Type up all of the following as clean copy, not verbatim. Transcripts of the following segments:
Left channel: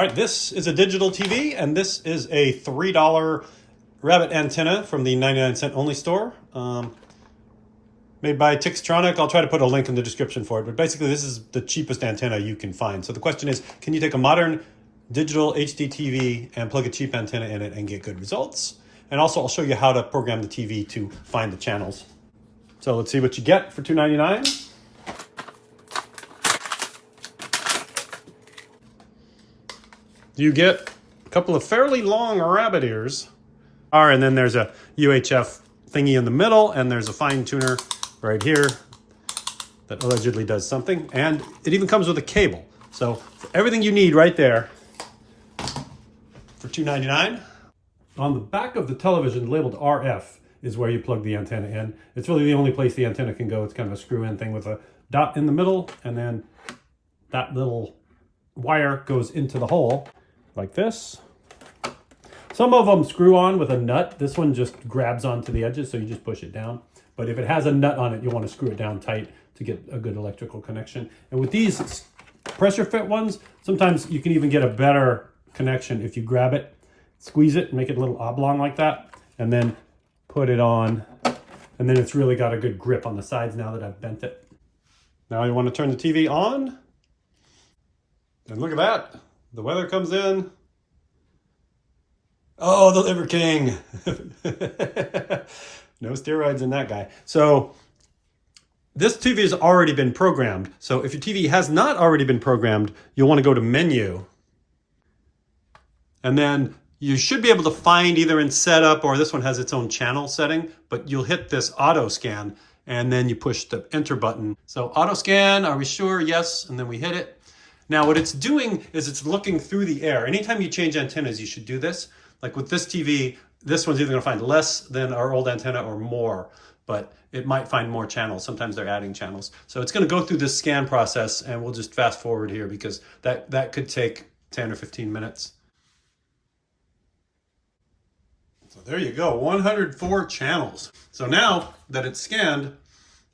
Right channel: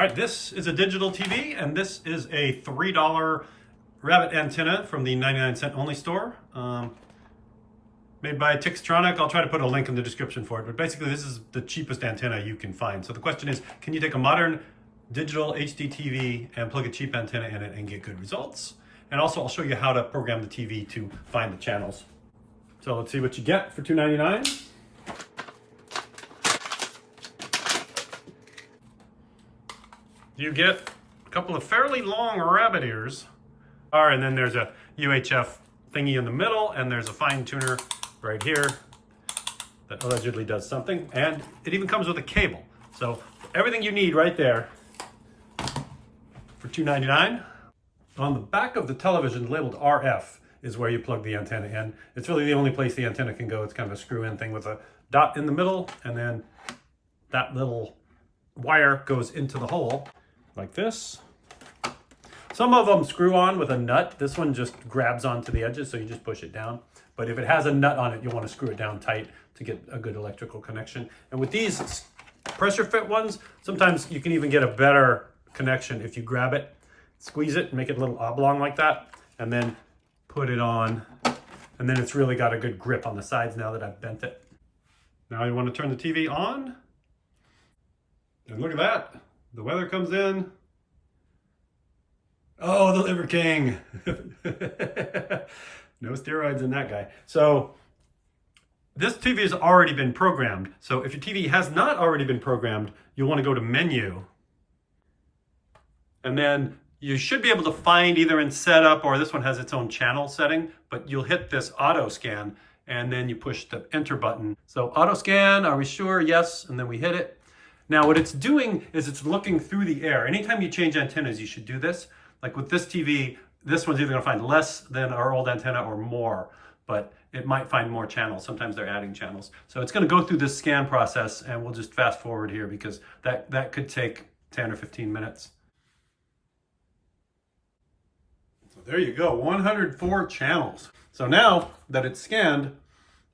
All right, this is a digital TV, and this is a $3 rabbit antenna from the 99-cent only store. Made by Tixtronic. I'll try to put a link in the description for it, but basically this is the cheapest antenna you can find. So the question is, can you take a modern digital HDTV and plug a cheap antenna in it and get good results? And also I'll show you how to program the TV to find the channels. So let's see what you get for $2.99. You get a couple of fairly long rabbit ears. And then there's a UHF thingy in the middle, and there's a fine tuner right here that allegedly does something. And it even comes with a cable. So for everything you need right there for $2.99. On the back of the television labeled RF is where you plug the antenna in. It's really the only place the antenna can go. It's kind of a screw-in thing with a dot in the middle, and then that little wire goes into the hole like this. Some of them screw on with a nut. This one just grabs onto the edges, so you just push it down. But if it has a nut on it, you want to screw it down tight to get a good electrical connection. And with these pressure fit ones, sometimes you can even get a better connection if you grab it, squeeze it, and make it a little oblong like that, and then put it on. And then it's really got a good grip on the sides now that I've bent it. Now you want to turn the TV on. And look at that. The weather comes in. Oh, the Liver King. No steroids in that guy. So this TV has already been programmed. So if your TV has not already been programmed, you'll want to go to Menu. And then you should be able to find either in Setup, or this one has its own channel setting, but you'll hit this auto scan and then you push the enter button. So auto scan, are we sure? Yes, and then we hit it. Now what it's doing is it's looking through the air. Anytime you change antennas, you should do this. Like with this TV, this one's either gonna find less than our old antenna or more, but it might find more channels. Sometimes they're adding channels. So it's gonna go through this scan process, and we'll just fast forward here because that could take 10 or 15 minutes. So there you go, 104 channels. So now that it's scanned,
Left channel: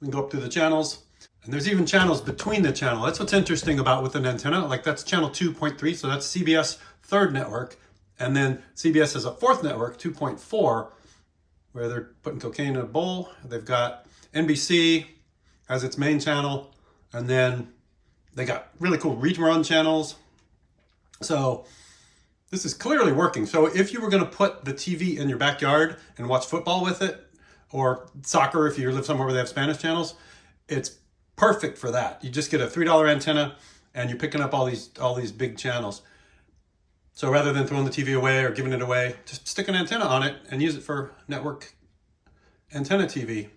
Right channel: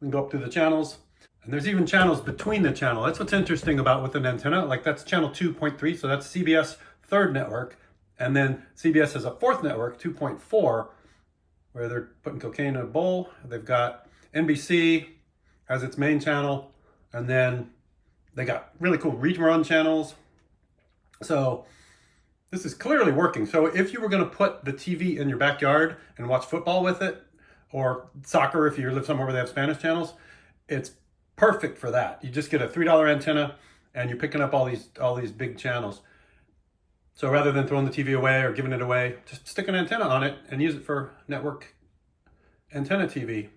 we can go up through the channels. And there's even channels between the channel. That's what's interesting about with an antenna. Like that's channel 2.3, so that's CBS third network. And then CBS has a fourth network, 2.4, where they're putting cocaine in a bowl. They've got NBC has its main channel, and then they got really cool rerun channels. So this is clearly working. So if you were gonna put the TV in your backyard and watch football with it, or soccer if you live somewhere where they have Spanish channels, it's perfect for that. You just get a $3 antenna and you're picking up all these big channels. So rather than throwing the TV away or giving it away, just stick an antenna on it and use it for network antenna TV.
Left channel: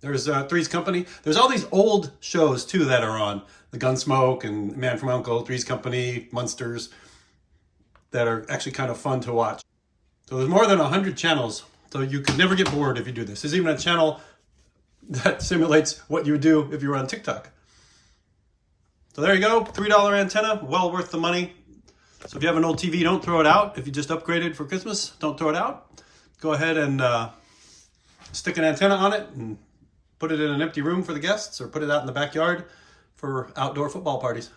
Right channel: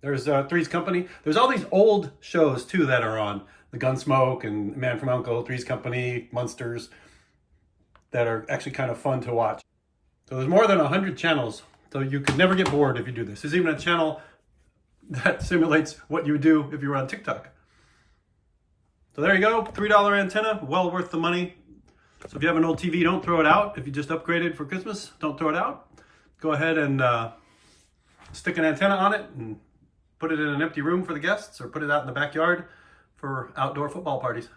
There's Three's Company. There's all these old shows too that are on. The Gunsmoke and Man from U.N.C.L.E., Three's Company, Munsters, that are actually kind of fun to watch. So there's more than 100 channels. So you could never get bored if you do this. There's even a channel that simulates what you would do if you were on TikTok. So there you go, $3 antenna, well worth the money. So if you have an old TV, don't throw it out. If you just upgraded for Christmas, don't throw it out. Go ahead and stick an antenna on it and put it in an empty room for the guests, or put it out in the backyard for outdoor football parties.